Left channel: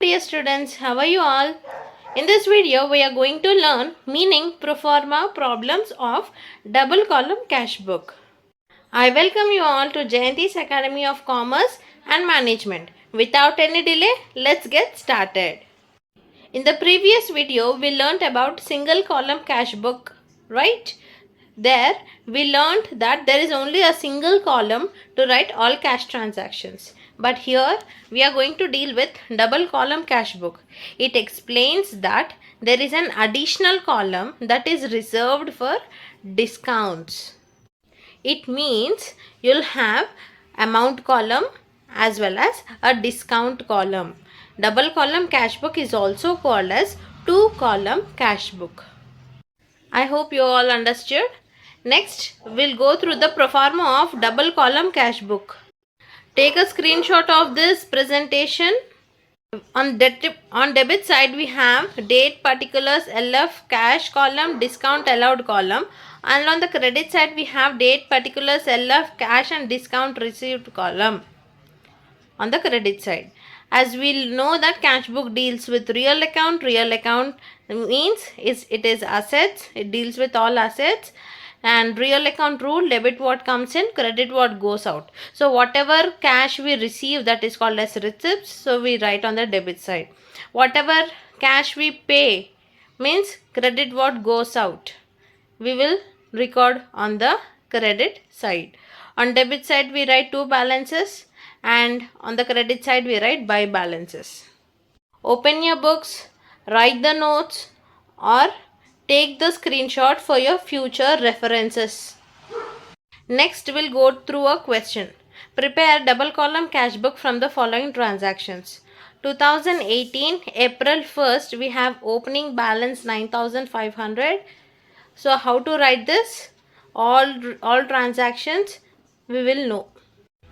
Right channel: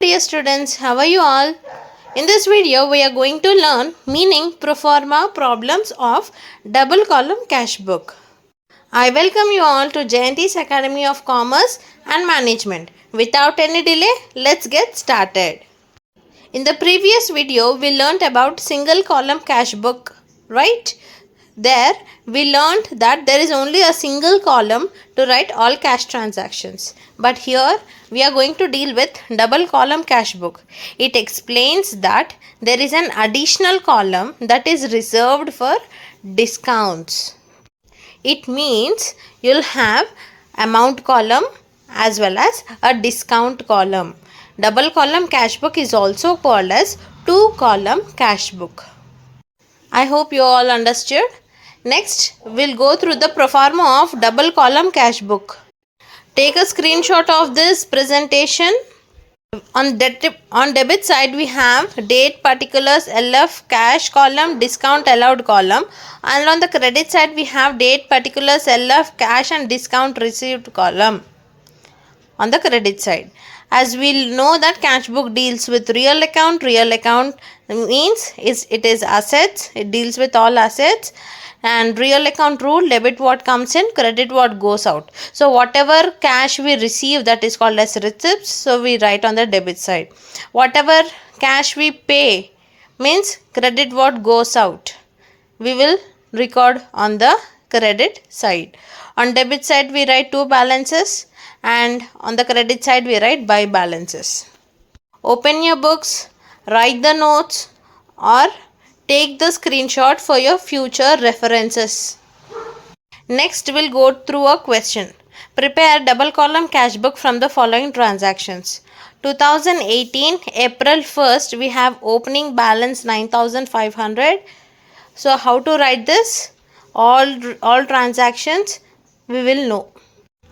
Dear students, how are you all? In this video, we are going to learn meaning pro forma problems of double column cash book. I welcome you all to Jayanthi's Academy of Commerce and Management. Without any delay, let's get started. In the previous video, we learnt about single column cash book, right? There, we learnt that there is only a single column to write all cash transactions. But here, we are going to deal with double column cash book. It explains that there is an additional column that is reserved for discounts. It means you'll have amount column as well as a discount column. Double column cash book is also called as two column cash book. I hope you all understood. Next, we'll go through the pro forma of double column cash book. Take a screenshot of this presentation. On debit side, we have date particulars, LF, cash column, discount allowed column. And on the credit side, we have date particulars, LF, cash and discount received column. On the credit side, as we know that cash book deals with real account means it is assets, it deals with all assets, and real account rule, debit what comes in, credit what goes out. So whatever cash we receive, that is called as receipts, so we write on the debit side. Whatever cash we pay means credit what goes out, we will record on the credit side. On debit side, we write two balances, and on the credit side we write by balances. Open your books, write the notes, or take the screenshot for your future references. Next, we'll go through a question. Prepare double column cash book from the following transactions. 2018 April 1st, we have opening balance 9,500. So how to write this? All transactions we will know.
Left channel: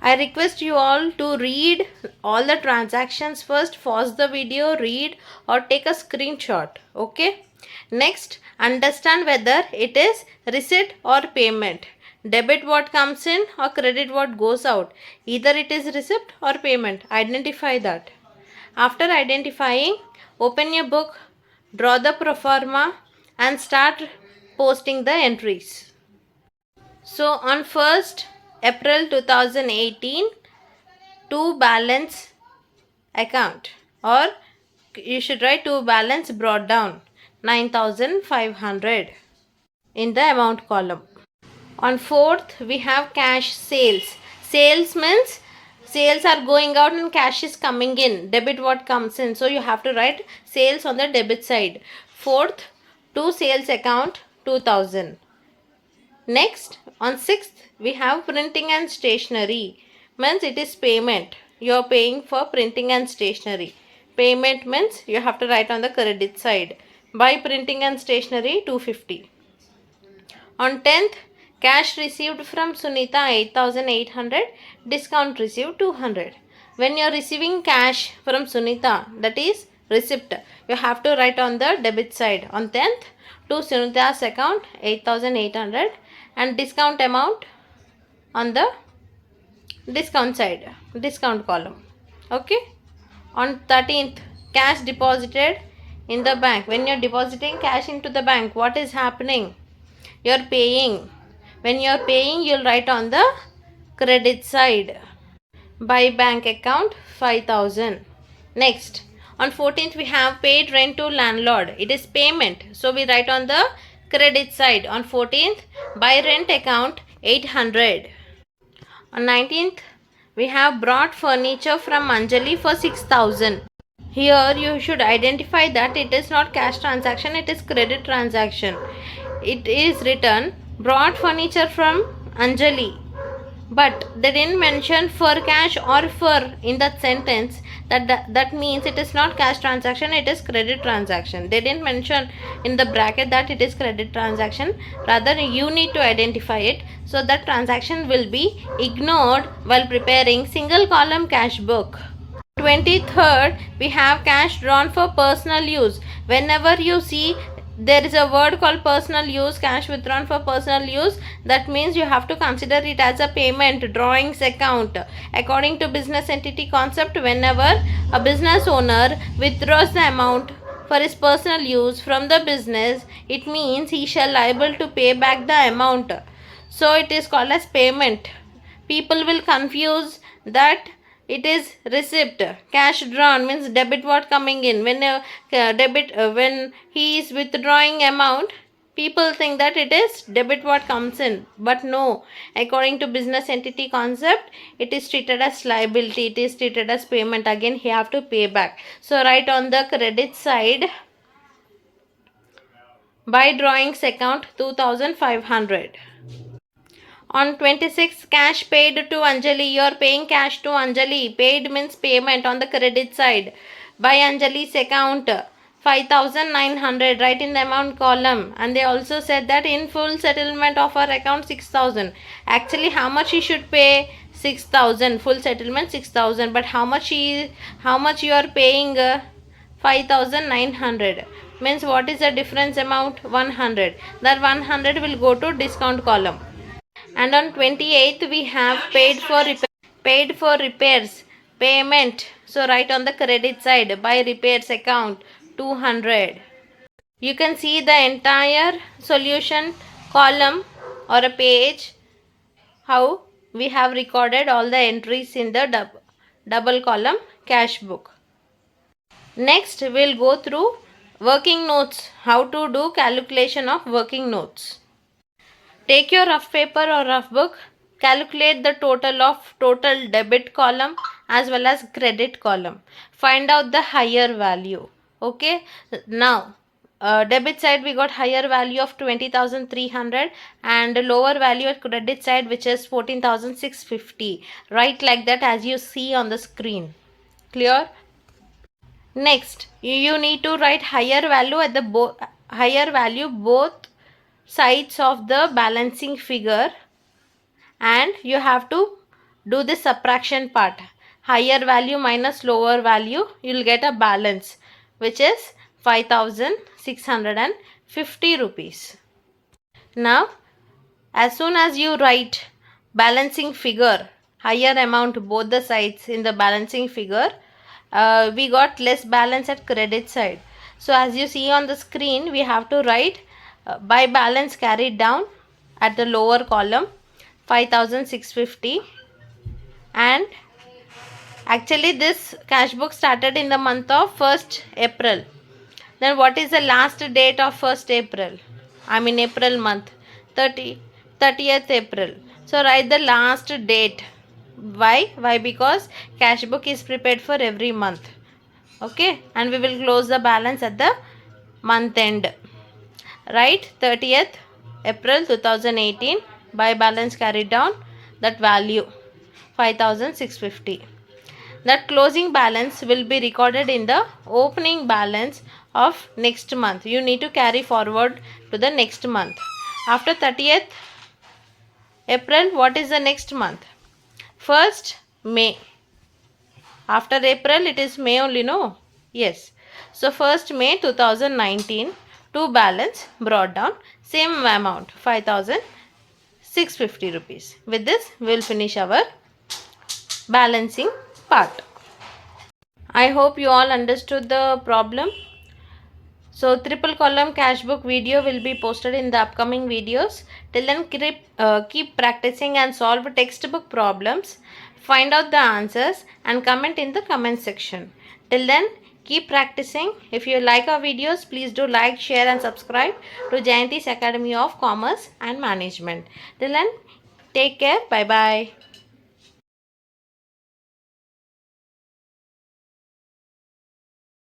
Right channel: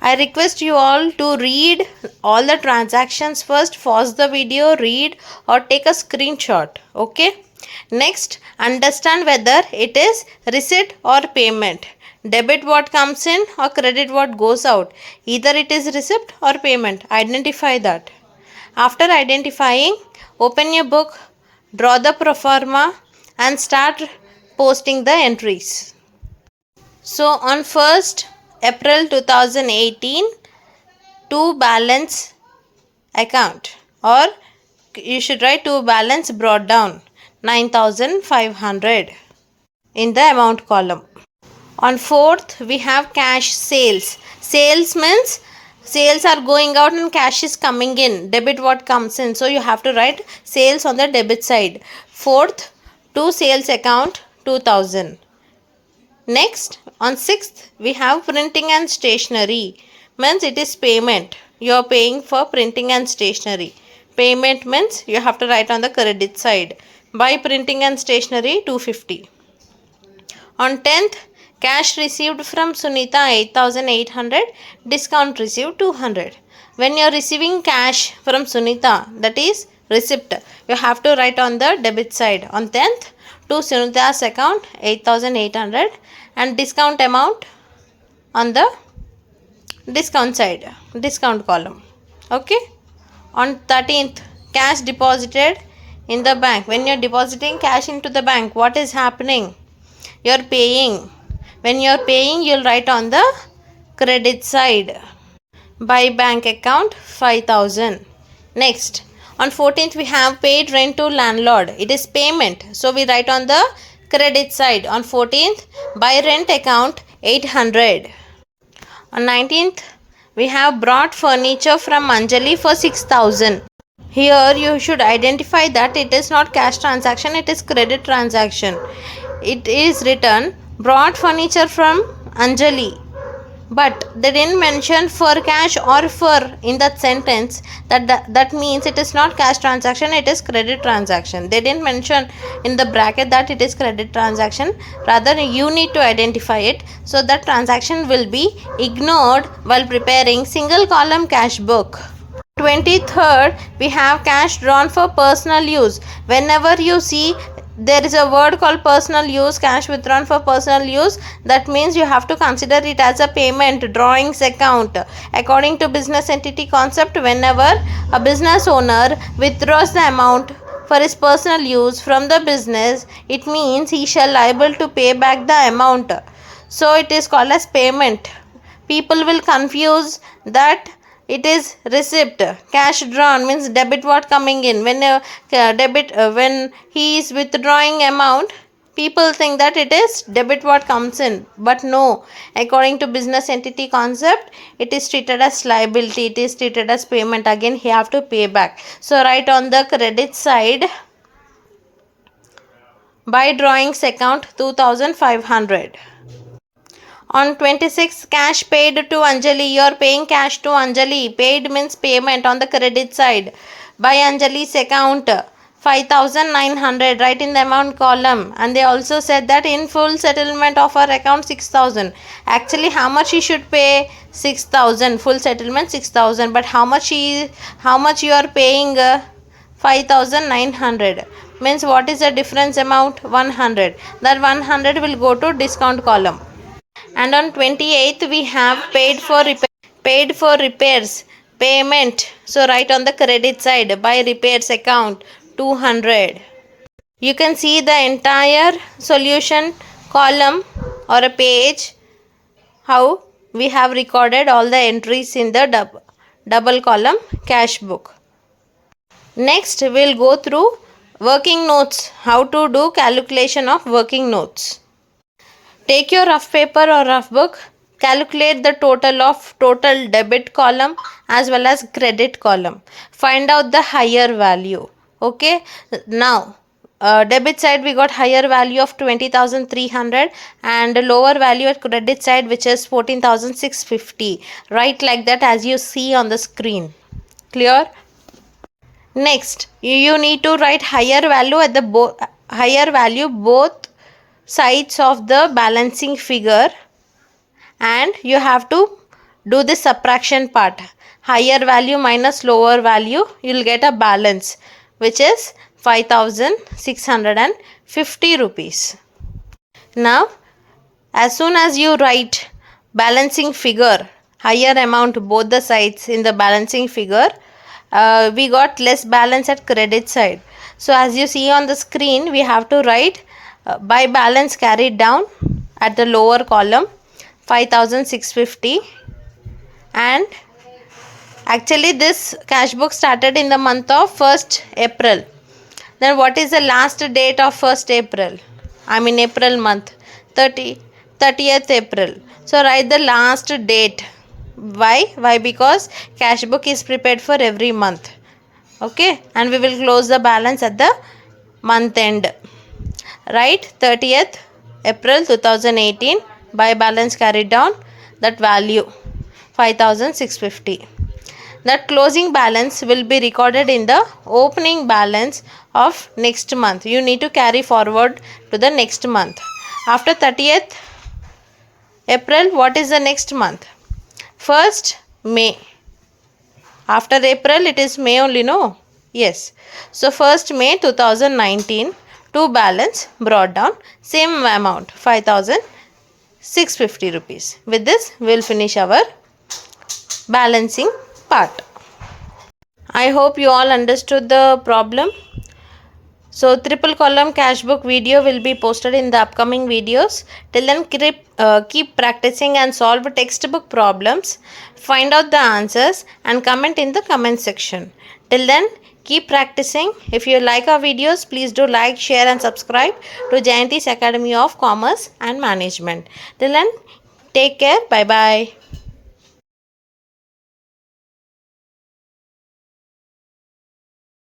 I request you all to read all the transactions first, pause the video, read or take a screenshot. Okay. Next, understand whether it is receipt or payment. Debit what comes in or credit what goes out. Either it is receipt or payment. Identify that. After identifying, open your book, draw the pro forma and start posting the entries. So on 1st April 2018, to balance account, or you should write to balance brought down 9,500 in the amount column. On 4th, we have cash sales. Sales means sales are going out and cash is coming in. Debit what comes in. So you have to write sales on the debit side. 4th, to sales account 2,000. Next, on 6th, we have printing and stationery. Means it is payment. You are paying for printing and stationery. Payment means you have to write on the credit side. By printing and stationery 250. On 10th, cash received from Sunita 8,800. Discount received 200. When you are receiving cash from Sunita, that is receipt, you have to write on the debit side. On 10th, to Sunita's account 8,800 and discount amount on the discount side, discount column. Okay. On 13th, cash deposited in the bank. When you're depositing cash into the bank, what is happening? You're paying. When you're paying, you'll write on the credit side. By bank account 5,000. Next, on 14th, we have paid rent to landlord. It is payment. So we write on the credit side. On 14th, by rent account 800. On 19th, we have brought furniture from Anjali for 6,000. Here you should identify that it is not cash transaction, it is credit transaction. It is written brought furniture from Anjali, but they didn't mention for cash or for in that sentence. That means it is not cash transaction, it is credit transaction. They didn't mention in the bracket that it is credit transaction. Rather, you need to identify it, so that transaction will be ignored while preparing single column cash book. 23rd, we have cash drawn for personal use. Whenever you see there is a word called personal use, cash withdrawn for personal use. That means you have to consider it as a payment drawings account. According to business entity concept, whenever a business owner withdraws the amount for his personal use from the business, it means he shall liable to pay back the amount. So it is called as payment. People will confuse that it is receipt. Cash drawn means debit what coming in. When when he is withdrawing amount, people think that it is debit what comes in, but no. According to business entity concept, it is treated as liability, it is treated as payment. Again he have to pay back. So write on the credit side, by drawings account 2500. On 26th, cash paid to Anjali. You are paying cash to Anjali. Paid means payment on the credit side. By Anjali's account, 5,900. Write in the amount column. And they also said that in full settlement of our account 6,000. Actually, how much he should pay? 6,000. Full settlement 6,000. But how much you are paying? 5,900. Means what is the difference amount? 100. That 100 will go to discount column. And on 28th we have paid for repairs, payment. So write on the credit side, by repairs account 200. You can see the entire solution column or a page, how we have recorded all the entries in the double column cash book. Next we'll go through working notes, how to do calculation of working notes. Take your rough paper or rough book, calculate the total debit column as well as credit column. Find out the higher value. Okay, now debit side we got higher value of 20,300 and lower value at credit side which is 14,650. Write like that as you see on the screen. Clear? Next, you need to write higher value at the higher value both sides of the balancing figure, and you have to do the subtraction part. Higher value minus lower value, you will get a balance which is 5,650 rupees. Now as soon as you write balancing figure, higher amount both the sides in the balancing figure, we got less balance at credit side. So as you see on the screen, we have to write by balance carried down at the lower column 5,650. And actually this cash book started in the month of 1st April. Then what is the last date of 1st April? I mean April month, 30th April. So write the last date. Why? Because cash book is prepared for every month. Okay, and we will close the balance at the month end. Right, 30th April 2018, by balance carried down, that value 5,650. That closing balance will be recorded in the opening balance of next month. You need to carry forward to the next month. After 30th April, what is the next month? 1st May. After April, it is May only, no? Yes. So 1st May 2019, to balance brought down, same amount 5,650 rupees. With this, we will finish our balancing part. I hope you all understood the problem. So triple column cash book video will be posted in the upcoming videos. Till then keep practicing and solve textbook problems. Find out the answers and comment in the comment section. Till then keep practicing. If you like our videos, please do like, share and subscribe to Jayanthi's Academy of Commerce and Management. Till then, take care. Bye bye.